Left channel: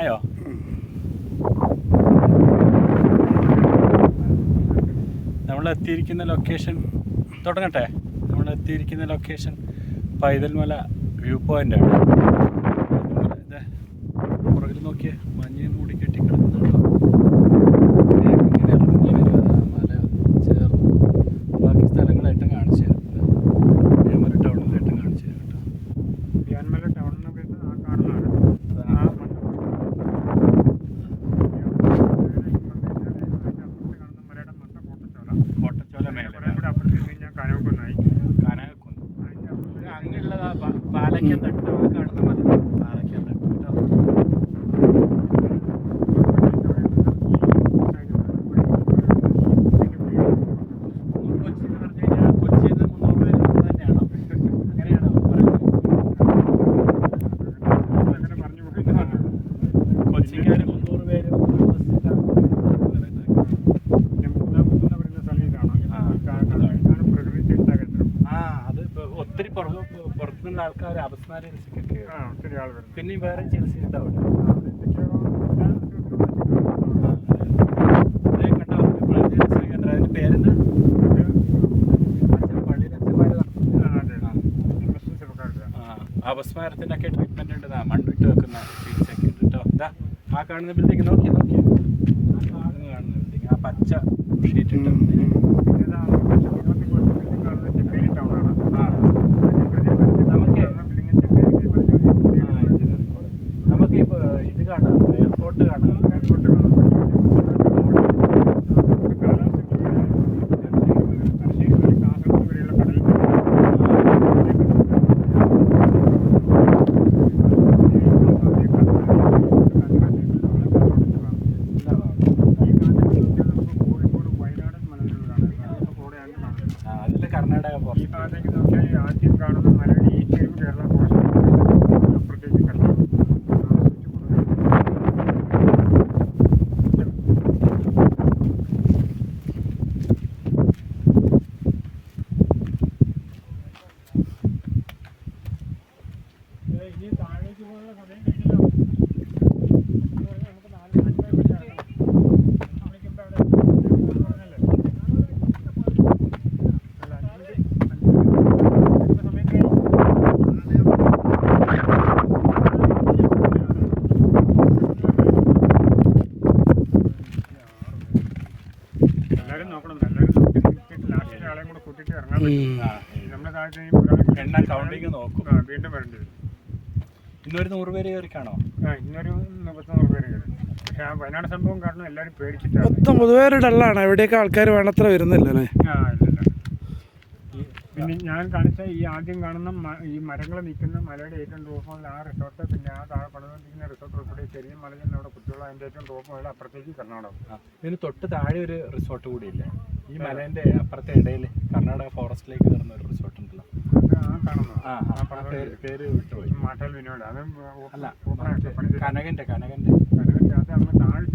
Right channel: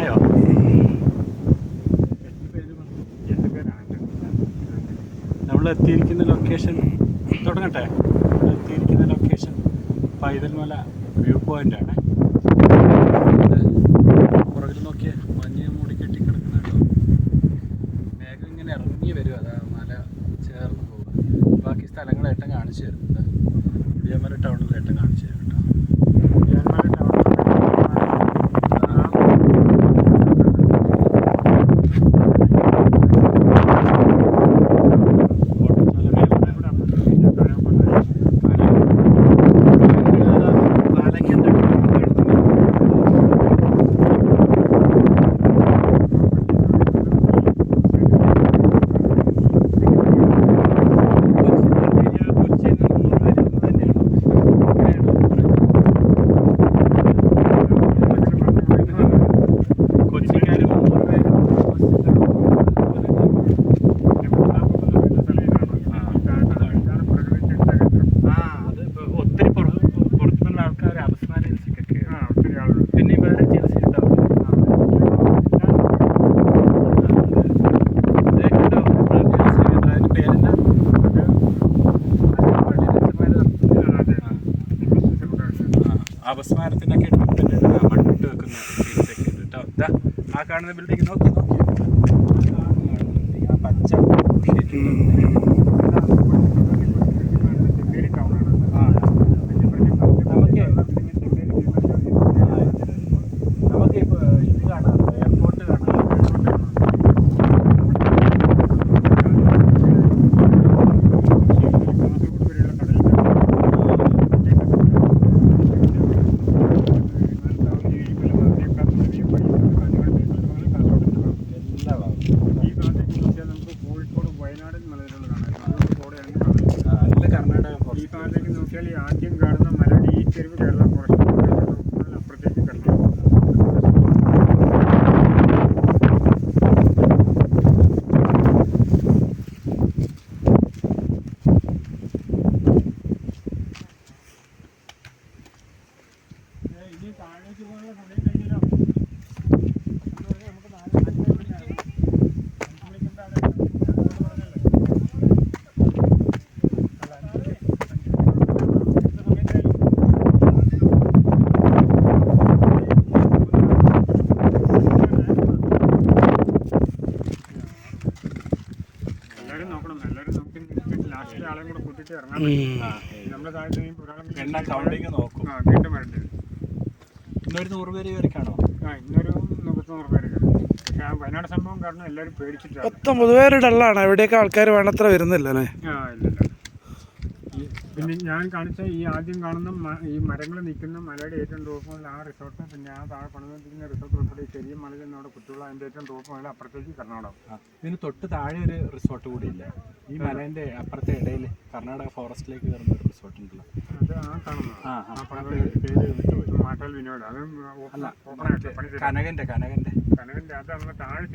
ആയോ? നമ്മൾ എത്തിയിരിക്കുന്ന ലൊക്കേഷൻ തുടങ്ങട്ടെ. നമ്മൾ എത്തിയിരിക്കുന്ന ലൊക്കേഷൻ പൈതൽമല വ്യൂ പോയിൻ്റാണ്. പുറകിൽ നോക്കിയേ, മഞ്ഞ് മൂടി കെട്ടി കിടക്കുന്നുണ്ടോ? വേഗം ഇങ്ങനെ ഇറങ്ങി വരും. അതാ മല ചേർന്ന് ബാക്കി സ്ഥലങ്ങളായിട്ടും കാണിച്ചു തരും. വേമര ടൗണിലായിട്ടും കാണിച്ചു തരും കേട്ടോ. വേമര ടൗൺ പിന്നെ വേറെ ചികിത്സ ഉണ്ടാവും. പേരെന്നാ? അപസ്മാരത്തിനൊക്കെ ട്രീറ്റ്മെൻറ്റ് ഉണ്ട്. മണ്ണിട്ട് വെക്കുന്ന ചികിത്സയ്ക്ക് കേട്ടോ. ഇതാ ആ കാണുന്ന ബിൽഡിംഗ് നോക്കി ആ പച്ച ഷീറ്റ് നമുക്കിപ്പോൾ ഇത് കാണാം, എയർപോർട്ട് കാണാം. കർണാടക ഈ ഭാഗത്തേക്ക് നോക്കിയാൽ ആദ്യം കാണുന്ന മല ഈ ചെരുവ് കേരള പോർഷൻ അപ്പുറത്തേക്ക് കർണാടക. ഇനി താഴേക്ക് പോകാനുള്ള സമയം കഴിഞ്ഞല്ലോ. നമുക്ക് 4 ആളെയും കൂടെ കൂട്ടിട്ട് ഇറങ്ങാൻ നമ്മുടെ താഴത്തെ എണ്ണ കൗണ്ടിങ് നോക്കും. വീണ്ടും വരേണ്ടി വരും. ഇന്നൊരു 100 പേര് കയറിക്കാണോ? ഇന്നൊരു 100 പേര് കയറി. പക്ഷെ ആ വയനാട് സംഭവം കാരണം എല്ലാവരും പേടിച്ചിട്ടാണ്. മൊത്തം പൊതുവേ ഒരു ഡള്ളാണ്. എവിടെയൊക്കെ ആൾക്കാർ വേണ്ടത്ര വരുന്നില്ലല്ലേ? ഇല്ല. പിന്നെ ഞാൻ കാണിച്ച ഈ ആദ്യം കാണുന്ന ഈ മരങ്ങൾ നിൽക്കുന്ന മലയുടെ ഏറ്റവും ടോപ്പ് മുതൽ ആ റിസോർട്ട്, പിന്നെ ആ താഴെ പണിതുകൊണ്ടിരിക്കുന്ന റിസോർട്ട് ഉൾപ്പെടെ ചെറിയ മല തന്നെ അവിടെ കുട്ടികൾ അതിൻ്റെ ഏറ്റവും ടോപ്പ് മുതൽ അപ്പുറത്തേക്ക് കർണാടക. ഇതിന് തൊട്ട് താഴെ ഒരു റിസോർട്ട് കൂടി ഇല്ല. ഈ മലേൻ്റെ അപ്പുറത്തെ ഇടയിൽ കർണാടക ഫോറസ്റ്റിലേക്ക് വരുന്ന ഒരു റിസോർട്ട് ഉണ്ടല്ലോ. അത് ആ കാണുന്നത് പേര് വിട്ടുപോയി. മാട്ടൽ വിനോദ്. അത് അല്ല, ഓപ്പണായിട്ട് പണി കനകൻ്റെ കനകൻ്റെ അത് നമ്മൾ താഴെ